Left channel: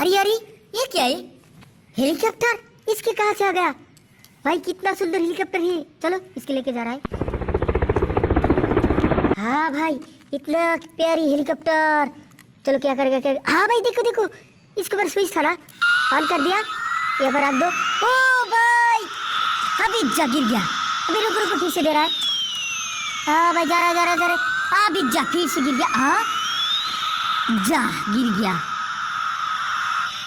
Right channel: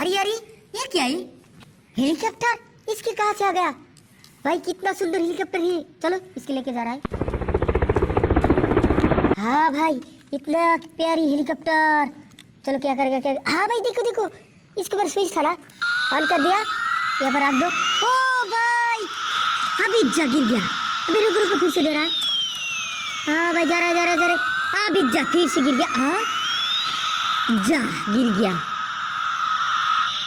अरे अरे, ये क्या है? हेलीकॉप्टर? इसके कहाँ से आ गया? भाई कितना सुंदर हेलीकॉप्टर है। चलो इसके लेके जा रहा है। हाँ भाई, इतना प्यारी हेलीकॉप्टर। चलो क्या करेगा क्या? हाँ भाई देखो देखो, इसके ऊपर स्विच था ना, ऑन कर दिया, यहाँ पर रख दो। ओ भाई, अभी जा गिर गया। अभी रुक रुक, फिर से दे रहा है। हाँ भाई, जा रहा है जा रहा है जा रहा है। अभी जा, फिर से गिर गया। हाँ जा, गिर गया।